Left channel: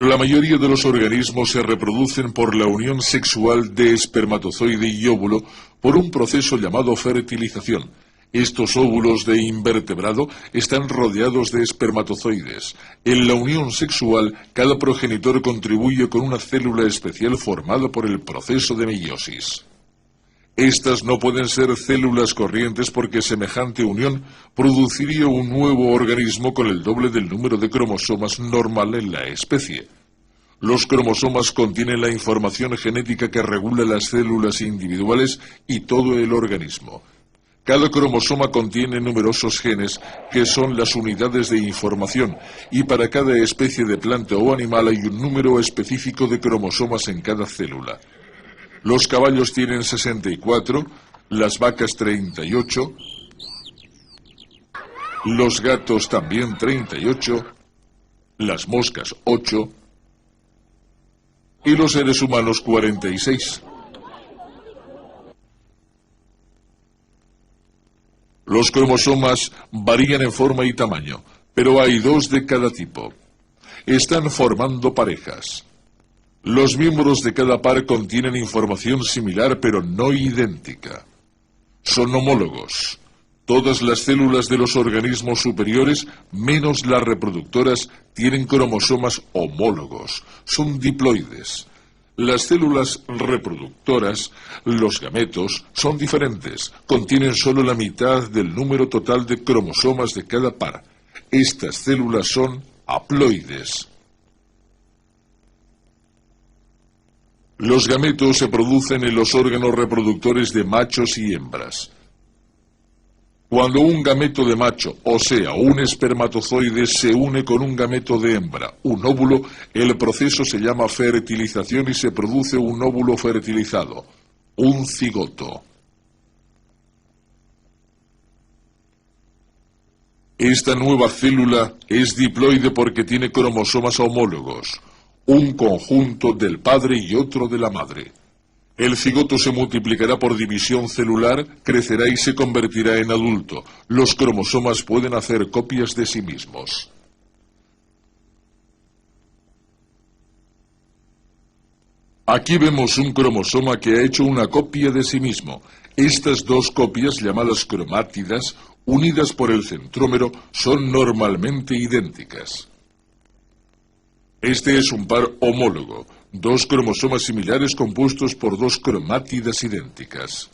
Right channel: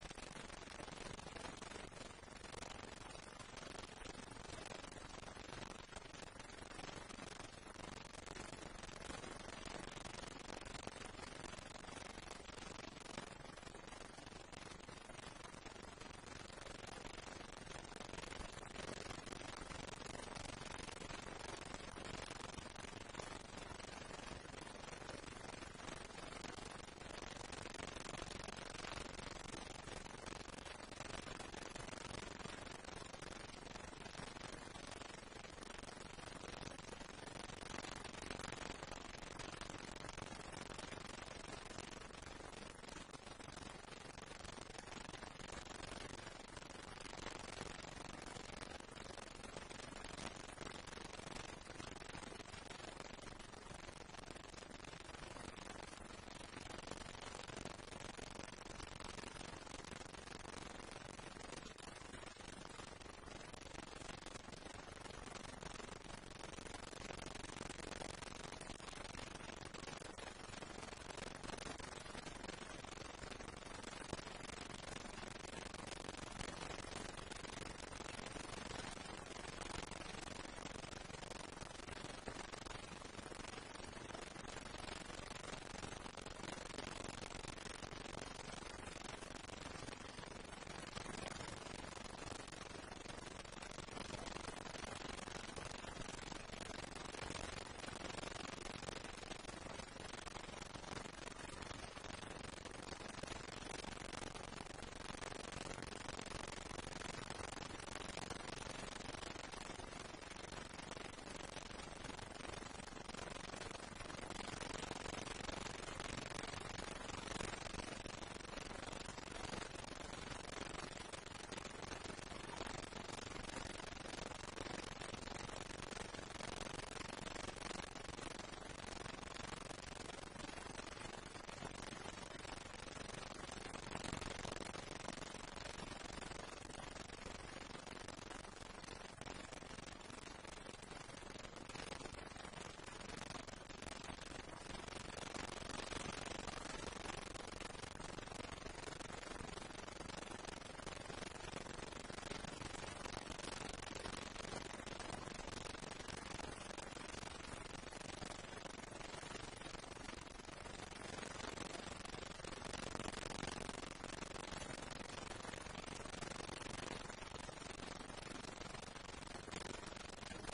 La mayoría de los organismos se reproducen por la unión sexual de espermatozoide y óvulo por un proceso llamado fertilización. Estos óvulos de invertebrado están rodeados de espermatozoides. En la unión sexual, cada progenitor contribuye con una célula especial formada por el proceso de meiosis. Estas no pueden ser células corrientes porque semejante unión produciría un nuevo organismo con el doble del número de cromosomas normal en la especie. Los cromosomas contienen la información genética que regula las células individuales y todo el organismo. Cada cromosoma contiene numerosos genes que son las unidades de información y para cada especie de planta o animal hay un número específico de cromosomas en cada célula. Los caballos tienen 64, las vacas 38, los gatos también 38, las moscas 8 y los seres humanos 46. Los cromosomas varían en forma y tamaño, pero hay dos de cada tipo. Están formando parejas. Los miembros de cada par contienen información similar pero no idéntica. Son homólogos. Todas las células de los organismos superiores, menos las reproductoras, tienen cromosomas homólogos. Son diploides. Las células reproductoras, los gametos, son diferentes. Contienen solo la mitad del número total de cromosomas de cada par. Estas células son haploides. Los gametos se producen en los órganos reproductores de machos y hembras. Cuando un gameto de macho, o sea, un espermatozoide, se une con un gameto de hembra, un óvulo, el proceso se llama fertilización y se produce un óvulo fertilizado, un cigoto. Esta nueva célula es diploide porque tiene cromosomas homólogos, un conjunto del padre y otro de la madre. El cigoto se multiplicará por división celular, crecerá y se convertirá en adulto. Los cromosomas pueden hacer copias de sí mismos. Aquí vemos un cromosoma que ha hecho una copia de sí mismo. Estas dos copias, llamadas cromátidas, unidas por el centrómero, son normalmente idénticas. Este es un par homólogo, dos cromosomas similares compuestos por dos cromátidas idénticas.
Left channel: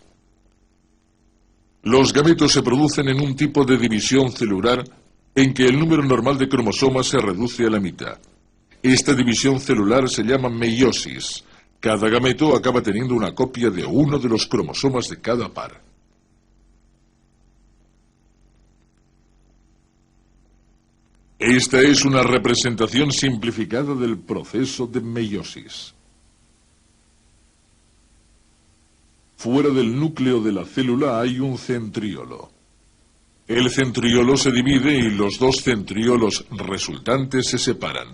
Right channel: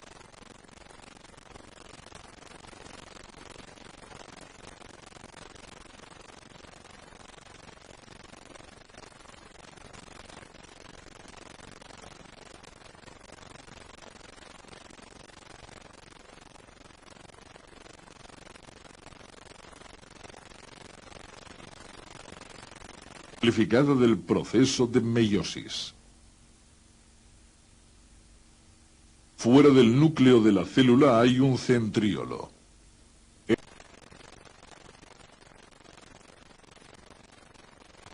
Los gametos se producen en un tipo de división celular en que el número normal de cromosomas se reduce a la mitad. Esta división celular se llama meiosis. Cada gameto acaba teniendo una copia de uno de los cromosomas de cada par. Esta es una representación simplificada del proceso de meiosis. Fuera del núcleo de la célula hay un centríolo. El centríolo se divide y los dos centriolos resultantes se separan.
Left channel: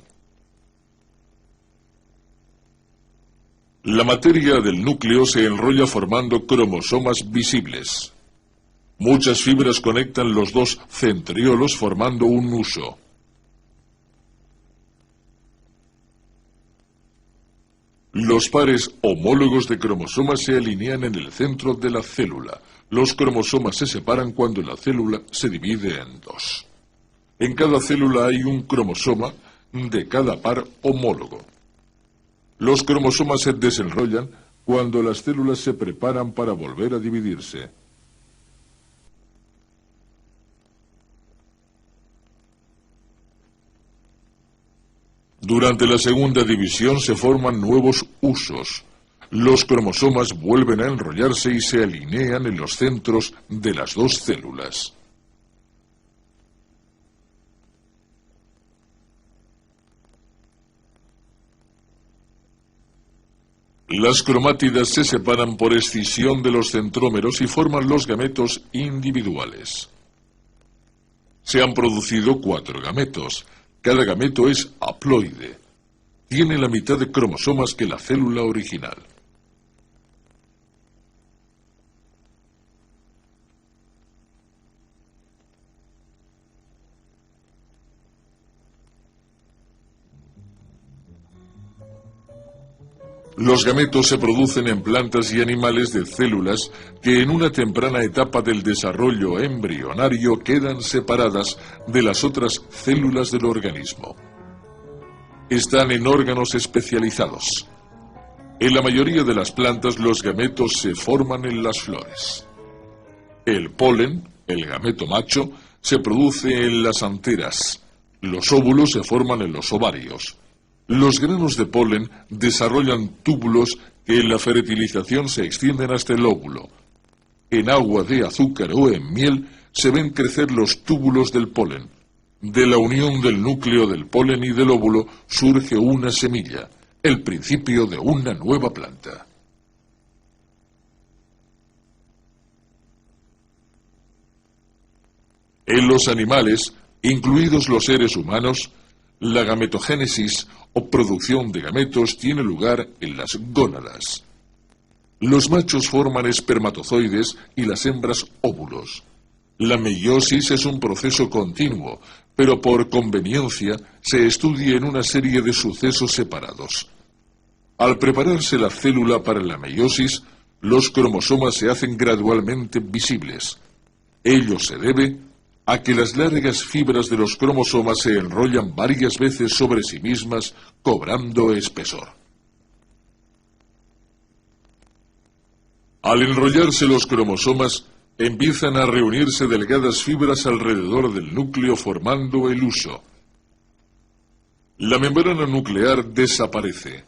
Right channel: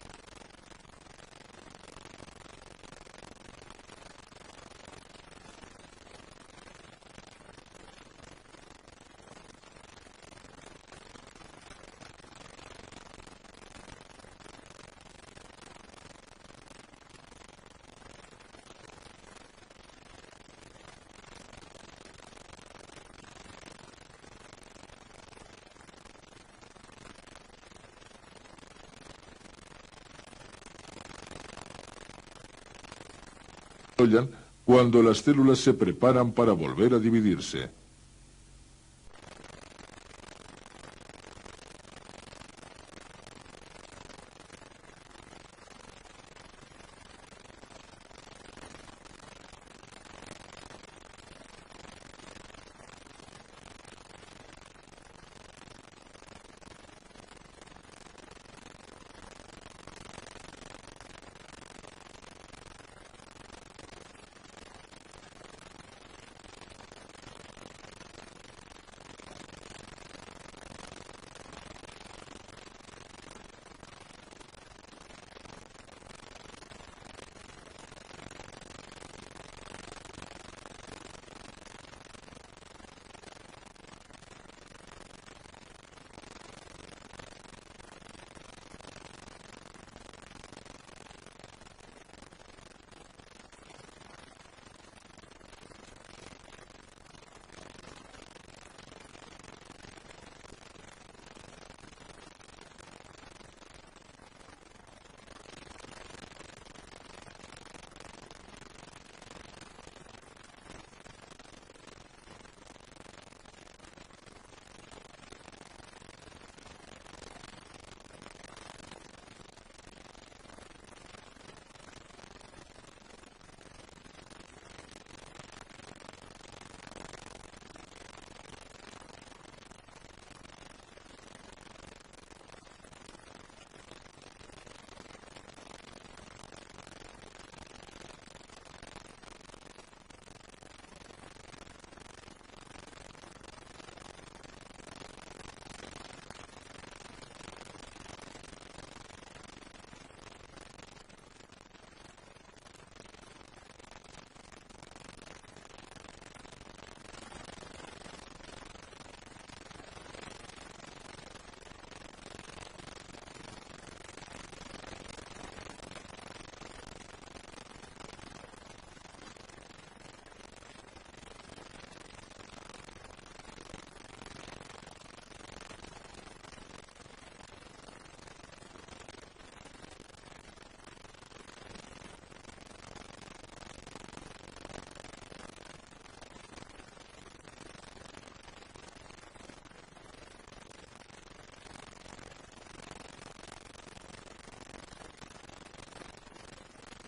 La materia del núcleo se enrolla formando cromosomas visibles. Muchas fibras conectan los dos centriolos formando un huso. Los pares homólogos de cromosomas se alinean en el centro de la célula. Los cromosomas se separan cuando la célula se divide en dos. En cada célula hay un cromosoma de cada par homólogo. Los cromosomas se desenrollan cuando las células se preparan para volver a dividirse. Durante la segunda división se forman nuevos husos. Los cromosomas vuelven a enrollarse y se alinean en los centros de las dos células. Las cromátidas se separan por escisión de los centrómeros y forman los gametos individuales. Se han producido 4 gametos. Cada gameto es haploide. Tiene la mitad de cromosomas que la célula original. Los gametos se producen en plantas y animales de células que en una temprana etapa del desarrollo embrionario quedan separadas de las otras células del organismo. Están en órganos especializados. En la mayoría de las plantas los gametos se forman en las flores. El polen, el gameto macho, se produce en las anteras. Los óvulos se forman en los ovarios. Los granos de polen desarrollan túbulos que en la fertilización se extienden hasta el óvulo. En agua de azúcar o en miel se ven crecer los túbulos del polen. De la unión del núcleo del polen y del óvulo surge una semilla, el principio de una nueva planta. En los animales, incluidos los seres humanos, la gametogénesis o producción de gametos tiene lugar en las gónadas. Los machos forman espermatozoides y las hembras óvulos. La meiosis es un proceso continuo, pero por conveniencia se estudia en una serie de sucesos separados. Al prepararse la célula para la meiosis, los cromosomas se hacen gradualmente visibles. Ello se debe a que las largas fibras de los cromosomas se enrollan varias veces sobre sí mismas, cobrando espesor. Al enrollarse los cromosomas, empiezan a reunirse delgadas fibras alrededor del núcleo formando el huso. La membrana nuclear desaparece.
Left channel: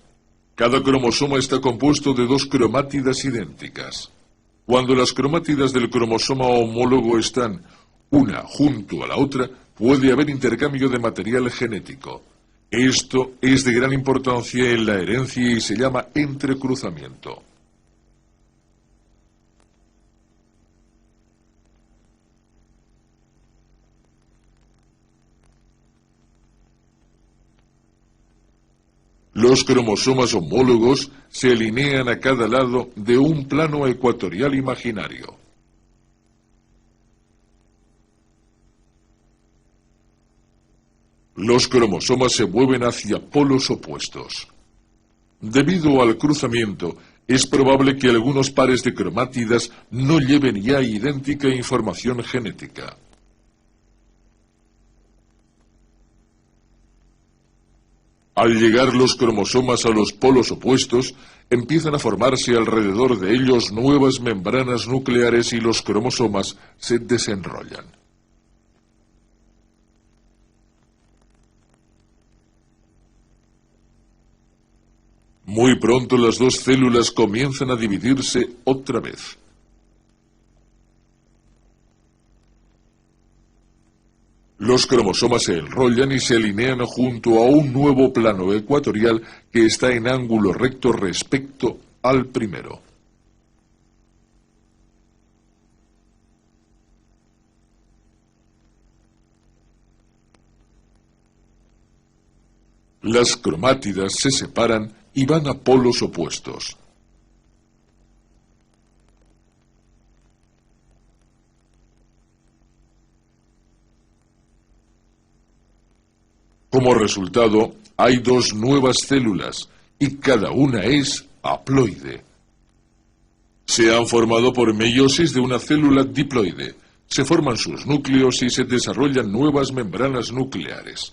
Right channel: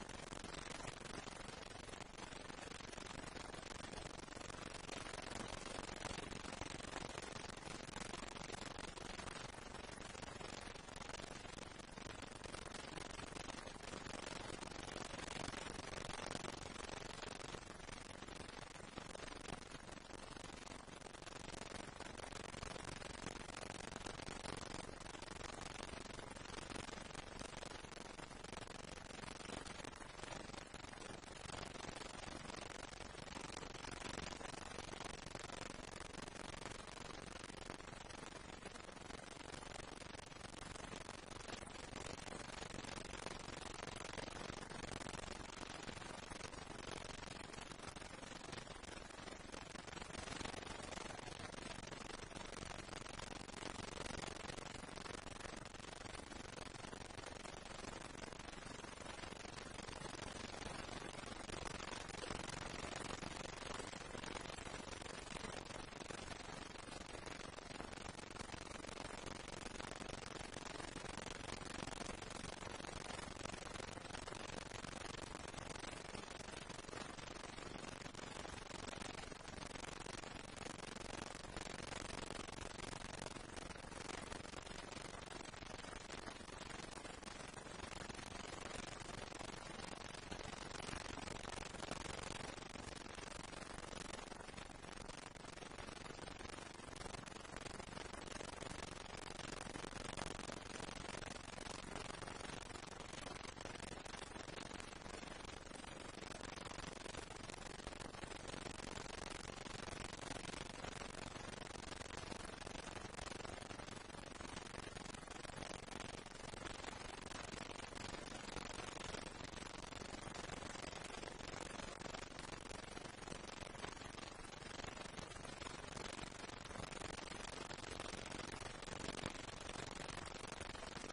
Cada cromosoma está compuesto de dos cromátidas idénticas. Cuando las cromátidas del cromosoma homólogo están una junto a la otra, puede haber intercambio de material genético. Esto es de gran importancia en la herencia y se llama entrecruzamiento. Los cromosomas homólogos se alinean a cada lado de un plano ecuatorial imaginario. Los cromosomas se mueven hacia polos opuestos. Debido al cruzamiento, es probable que algunos pares de cromátidas no lleven ya idéntica información genética. Al llegar los cromosomas a los polos opuestos, empiezan a formarse alrededor de ellos nuevas membranas nucleares y los cromosomas se desenrollan. Muy pronto las dos células comienzan a dividirse otra vez. Los cromosomas se enrollan y se alinean junto a un nuevo plano ecuatorial que está en ángulo recto respecto al primero. Las cromátidas se separan y van a polos opuestos. Como resultado, hay dos nuevas células, y cada una es haploide. Se han formado por meiosis de una célula diploide. Se forman sus núcleos y se desarrollan nuevas membranas nucleares.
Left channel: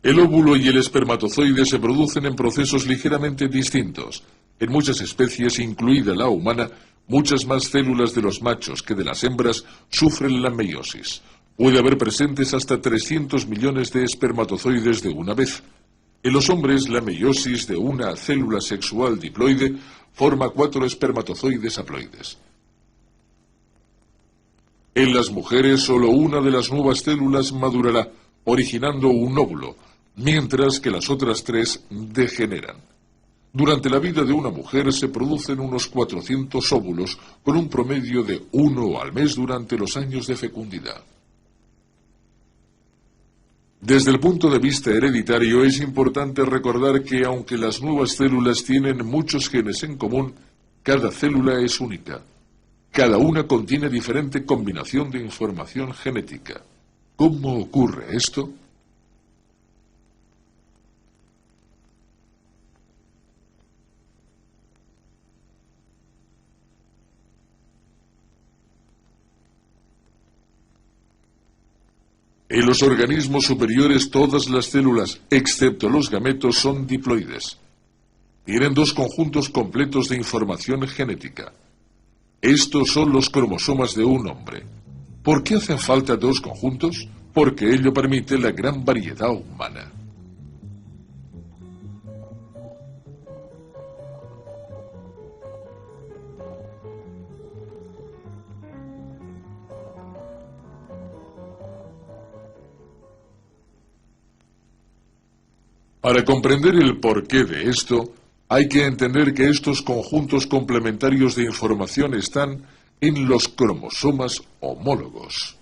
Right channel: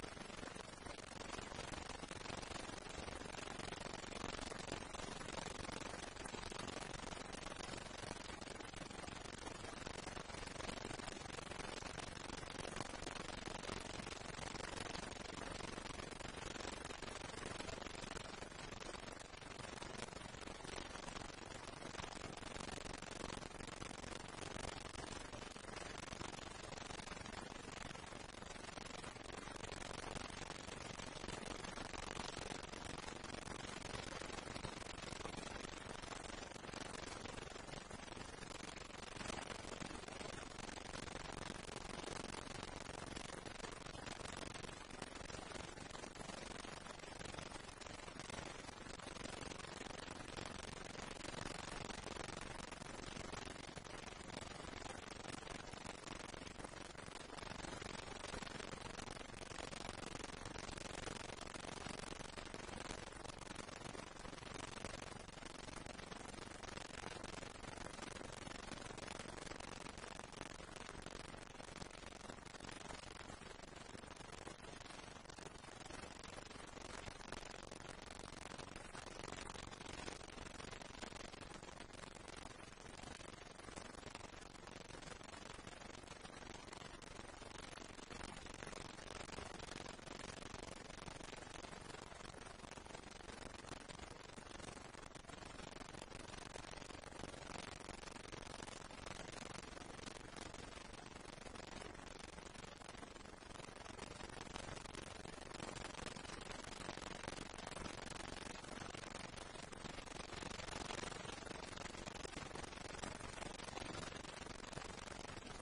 El óvulo y el espermatozoide se producen en procesos ligeramente distintos. En muchas especies, incluida la humana, muchas más células de los machos que de las hembras sufren la meiosis. Puede haber presentes hasta 300 millones de espermatozoides de una vez. En los hombres, la meiosis de una célula sexual diploide forma 4 espermatozoides haploides. En las mujeres, solo una de las nuevas células madurará, originando un óvulo, mientras que las otras 3 degeneran. Durante la vida de una mujer se producen unos 400 óvulos, con un promedio de 1 al mes durante los años de fecundidad. Desde el punto de vista hereditario es importante recordar que aunque las nuevas células tienen muchos genes en común, cada célula es única. Cada una contiene diferente combinación de información genética. ¿Cómo ocurre esto? En los organismos superiores todas las células, excepto los gametos, son diploides. Tienen dos conjuntos completos de información genética. Estos son los cromosomas de un hombre. ¿Por qué hacen falta dos conjuntos? Porque ello permite la gran variedad humana. Para comprender el porqué de esto, hay que entender que estos conjuntos complementarios de información están en los cromosomas homólogos.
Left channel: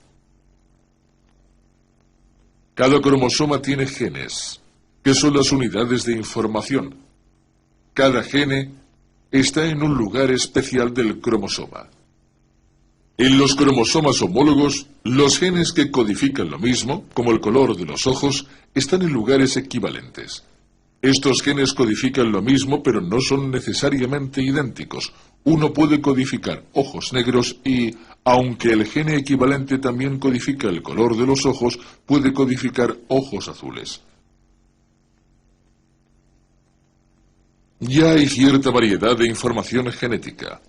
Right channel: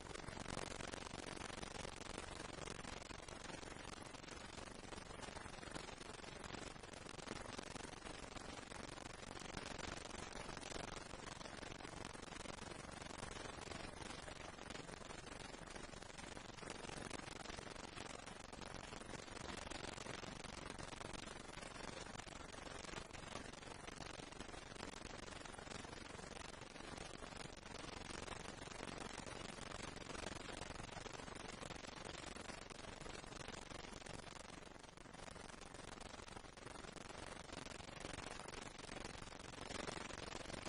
Cada cromosoma tiene genes, que son las unidades de información. Cada gene está en un lugar especial del cromosoma. En los cromosomas homólogos, los genes que codifican lo mismo, como el color de los ojos, están en lugares equivalentes. Estos genes codifican lo mismo, pero no son necesariamente idénticos. Uno puede codificar ojos negros y, aunque el gene equivalente también codifica el color de los ojos, puede codificar ojos azules. Ya hay cierta variedad de información genética.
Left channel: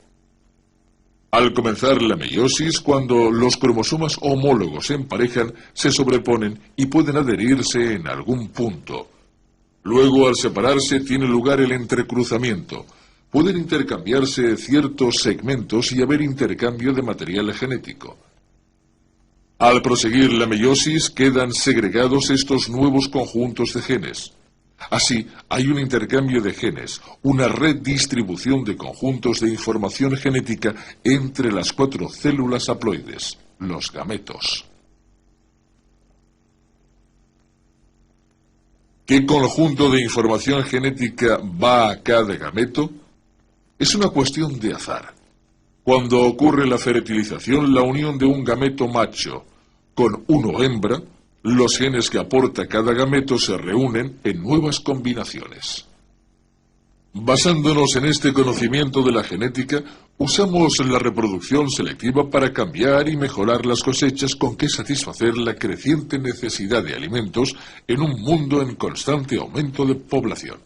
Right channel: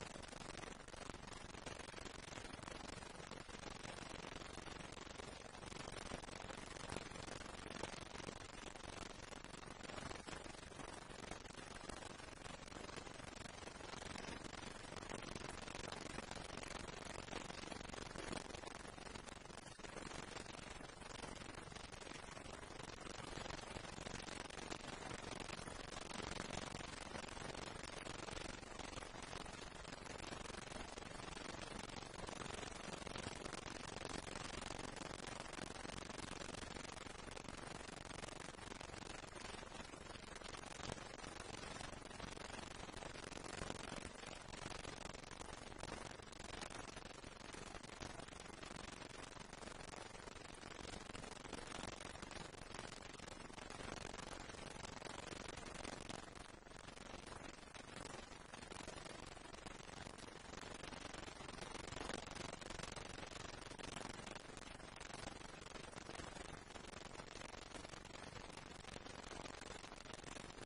Al comenzar la meiosis, cuando los cromosomas homólogos se emparejan, se sobreponen y pueden adherirse en algún punto. Luego, al separarse, tiene lugar el entrecruzamiento. Pueden intercambiarse ciertos segmentos y haber intercambio de material genético. Al proseguir la meiosis, quedan segregados estos nuevos conjuntos de genes. Así, hay un intercambio de genes, una redistribución de conjuntos de información genética entre las 4 células haploides, los gametos. ¿Qué conjunto de información genética va a cada gameto? Es una cuestión de azar. Cuando ocurre la fertilización, la unión de un gameto macho con uno hembra, los genes que aporta cada gameto se reúnen en nuevas combinaciones. Basándonos en este conocimiento de la genética, usamos la reproducción selectiva para cambiar y mejorar las cosechas con que satisfacer la creciente necesidad de alimentos en un mundo en constante aumento de población.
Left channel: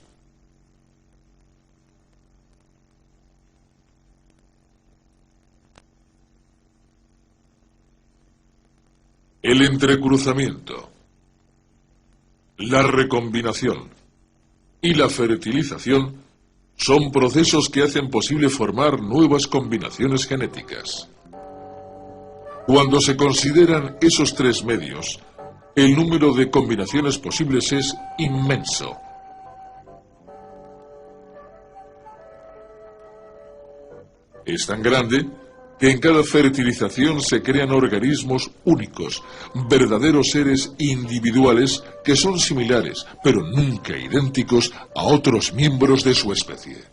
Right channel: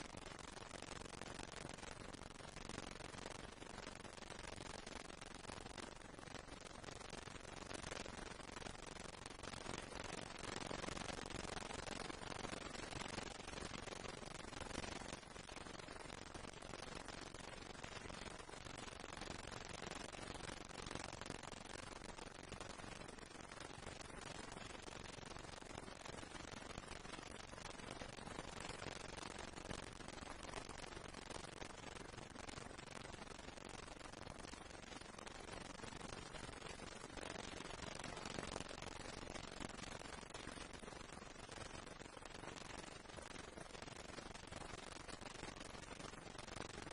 El entrecruzamiento, la recombinación y la fertilización son procesos que hacen posible formar nuevas combinaciones genéticas. Cuando se consideran esos 3 medios, el número de combinaciones posibles es inmenso. Es tan grande que en cada fertilización se crean organismos únicos, verdaderos seres individuales que son similares, pero nunca idénticos a otros miembros de su especie.